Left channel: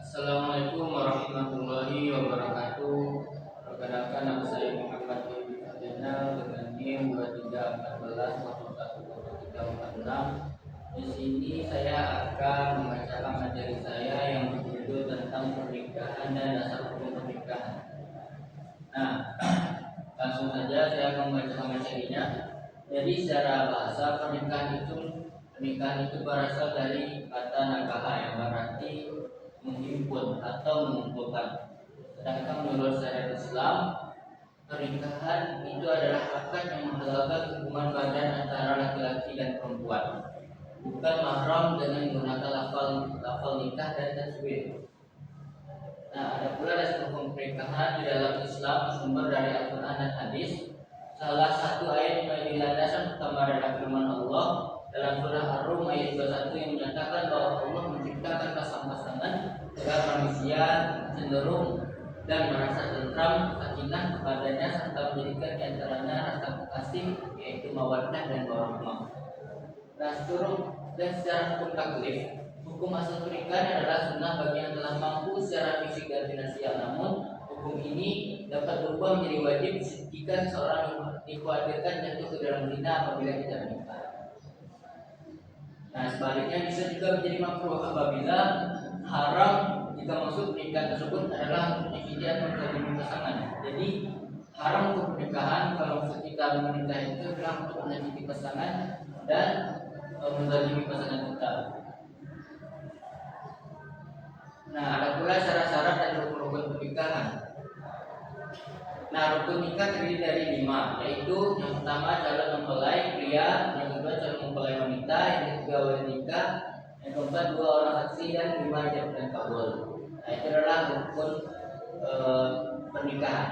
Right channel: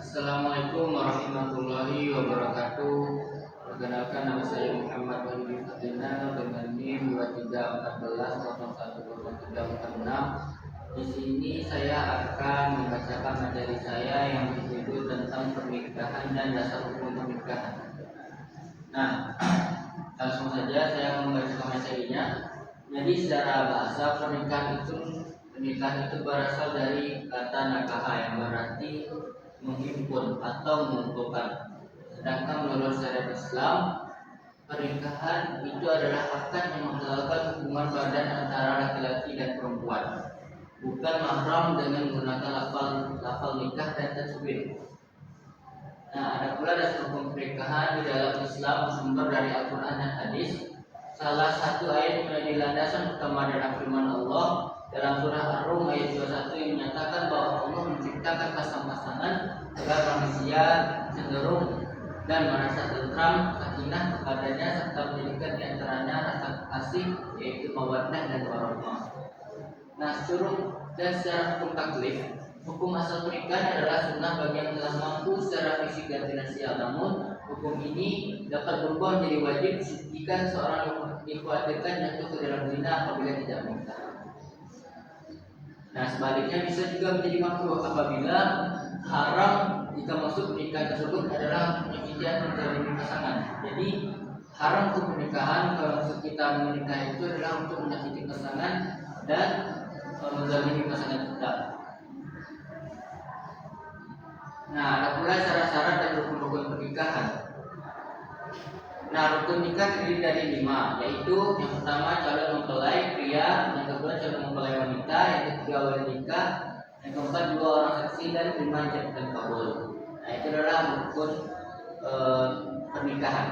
Assalamualaikum warahmatullahi wabarakatuh. Perkenalkan, nama saya Muhammad Wahid Fadinal dengan NIM 2314010346. Di sini saya akan membacakan materi saya yang berjudul tentang pernikahan dan dasar hukum pernikahan. Nah, langsung saja saya akan membacakan materinya. Jadi secara bahasa pernikahan itu berasal dari kata nakaha yang berarti menghimpun atau mengumpulkan. Sedangkan menurut syariat Islam, pernikahan itu adalah akad yang menghalalkan hubungan badan antara laki-laki dan perempuan, bukan mahram dengan menggunakan lafal nikah dan tasbih. Nah, ada pula dasar hukum pernikahan di dalam Islam sumber dari Al-Quran dan Hadis. Salah satu ayat yang menjadi landasan utama adalah firman Allah dalam surah Ar-Rum ayat 21 yang menyatakan bahwa Allah menciptakan pasang-pasangan agar manusia cenderung dan merasa tentram, sakinah kepadanya serta menjadikan di antaranya rasa kasih, yaitu mawaddah dan warahmah. Nah, secara hukum taklif, hukum asal pernikahan adalah sunnah bagi yang telah mampu secara fisik dan finansial. Namun, hukum ini dapat berubah menjadi wajib jika seseorang dikhawatirkan jatuh ke dalam zina apabila tidak menikah. Nah, sebaliknya bisa juga menjadi makruh apabila haram jika maksud pernikahan tersebut adalah menyakiti atau menzalimi pasangan. Jadi haram untuk pernikahan kalau maksud kita menikah itu adalah untuk menyakiti pasangan dan menzalimi pasangan kita. Nah, ada pula syarat-syarat dan rukun-rukun pernikahan. Nah, rukun nikah terdiri dari 5, yaitu yang pertama calon mempelai pria, yang kedua calon mempelai wanita, yang ketiga wali nikah, yang keempat 2 orang saksi dan 5 ijab dan kabul. Nah, itu adalah rukun pernikahan.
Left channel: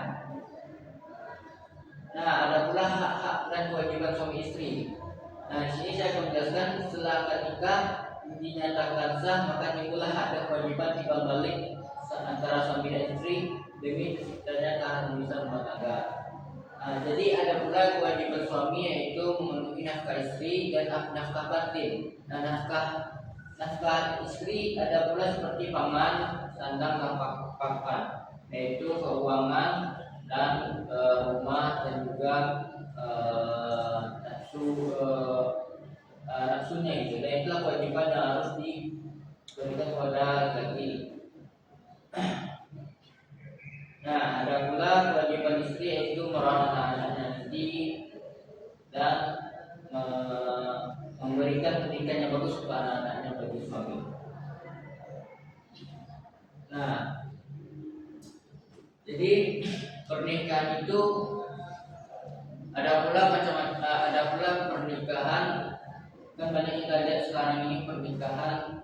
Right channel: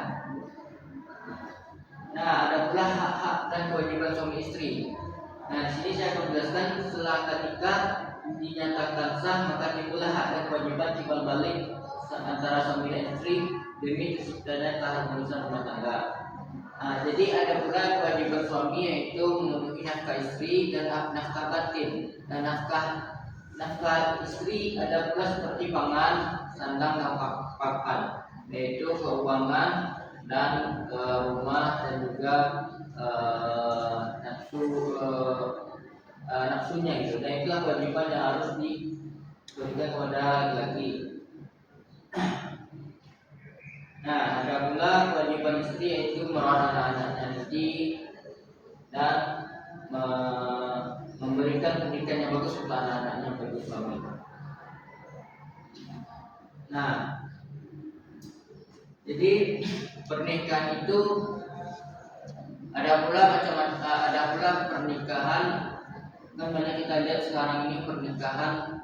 Nah, ada pula hak-hak dan kewajiban suami istri. Nah, di sini saya akan menjelaskan setelah akad nikah dinyatakan sah, maka timbullah hak dan kewajiban timbal balik antara suami dan istri demi terciptanya keharmonisan rumah tangga. Nah, jadi ada pula kewajiban suami yaitu memenuhi nafkah istri dan nafkah batin. Nah, nafkah istri ada pula seperti pangan, sandang, dan pakan, yaitu keuangan dan rumah dan juga nafsunya gitu. Dan itulah kewajiban yang harus diberikan kepada laki-laki. Nah, ada pula kewajiban istri yaitu merawat anak-anaknya nanti dan memberikan pendidikan yang bagus kepada anak-anaknya bagi suami. Nah, jadi pernikahan itu ada pula pernikahan. Kan banyak kita lihat sekarang ini pernikahan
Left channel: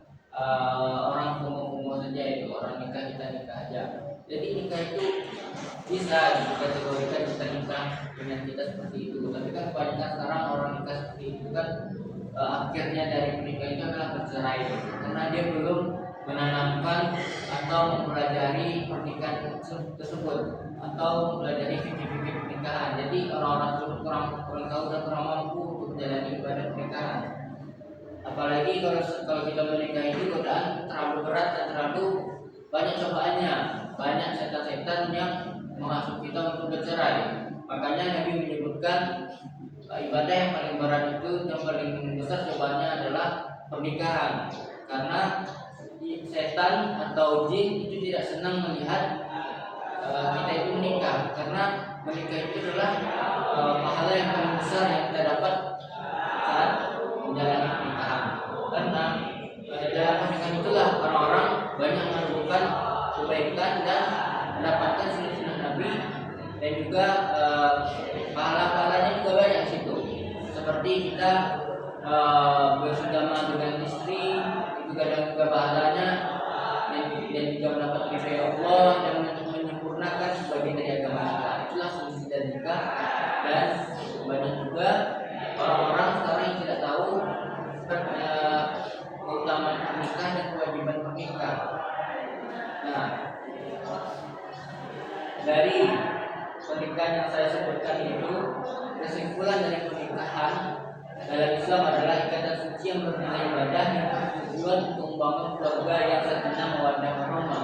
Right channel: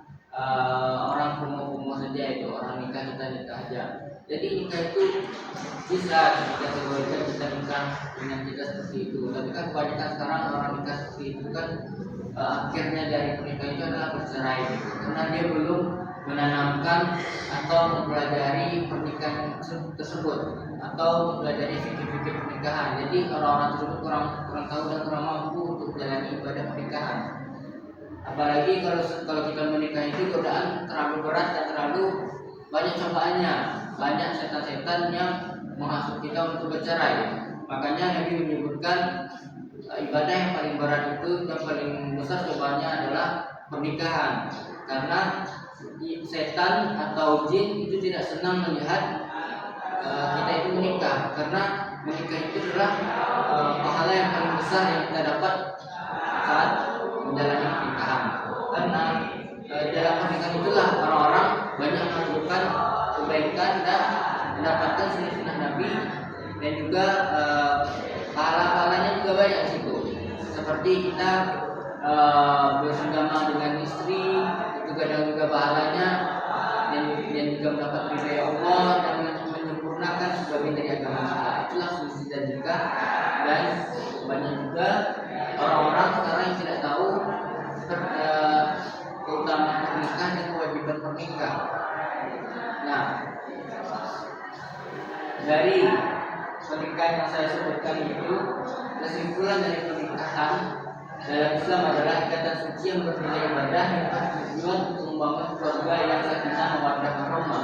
orang homo saja, itu orang nikah kita nikah aja. Jadi nikah itu bisa dikategorikan kita nikah dengan kita seperti itu. Tapi kan kebanyakan sekarang orang nikah seperti itu kan akhirnya dari pernikahan itu adalah bercerai gitu. Karena dia belum menanamkan atau mempelajari pernikahan tersebut atau mempelajari fikih-fikih pernikahan. Jadi orang-orang tersebut kurang tahu dan kurang mampu untuk menjalani ibadah pernikahan. Apalagi kalau kita menikah itu godaan terlalu berat dan terlalu banyak cobaannya, banyak setan-setan yang menghasut kita untuk bercerai. Makanya Nabi menyebutkan ibadah yang paling berat itu, yang paling besar cobaannya adalah pernikahan. Karena setan atau jin itu tidak senang melihat kita itu menikah, karena menikah itu adalah pahala yang paling besar yang kita dapat saat menjalani pernikahan. Karena dalam pernikahan itulah orang-orang banyak melakukan kebaikan dan mendapatkan sunnah Nabi, dan juga pahala-pahalanya juga banyak di situ. Seperti kita bersama dengan istri itu kadang juga pahalanya, dan juga mendapat ridha Allah dan menyempurnakan sebagian dari agama kita. Itulah fungsi dan juga, dan banyak juga orang-orang sekarang yang tidak tahu keutamaan pernikahan dan kewajiban pernikahan. Nah, dari pernikahan yang saya sebutkan itu, kesimpulan dari pernikahan dalam Islam adalah ikatan suci yang bernilai ibadah yang bertujuan untuk membangun keluarga yang sakinah mawaddah warahmah.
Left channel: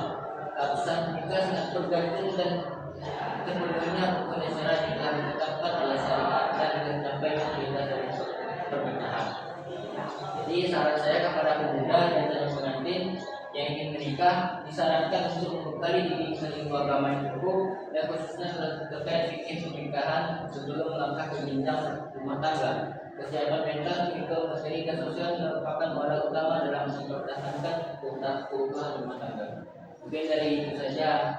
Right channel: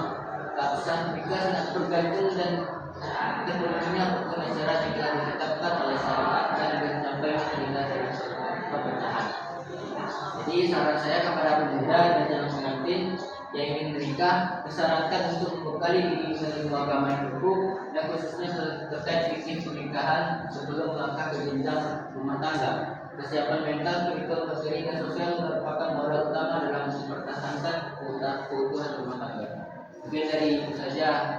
juga sangat bergantung dan sepenuhnya hukum syariat yang telah ditetapkan oleh syariat dan mencapai berita dari pernikahan. Jadi saran saya kepada pemuda dan calon pengantin yang ingin menikah disarankan untuk membekali diri dengan ilmu agama yang cukup dan khususnya terkait fikih pernikahan sebelum melangkah ke jenjang rumah tangga. Kesiapan mental, spiritual, materi, dan sosial merupakan modal utama dalam mempertahankan keutuhan rumah tangga. Mungkin dari itu saja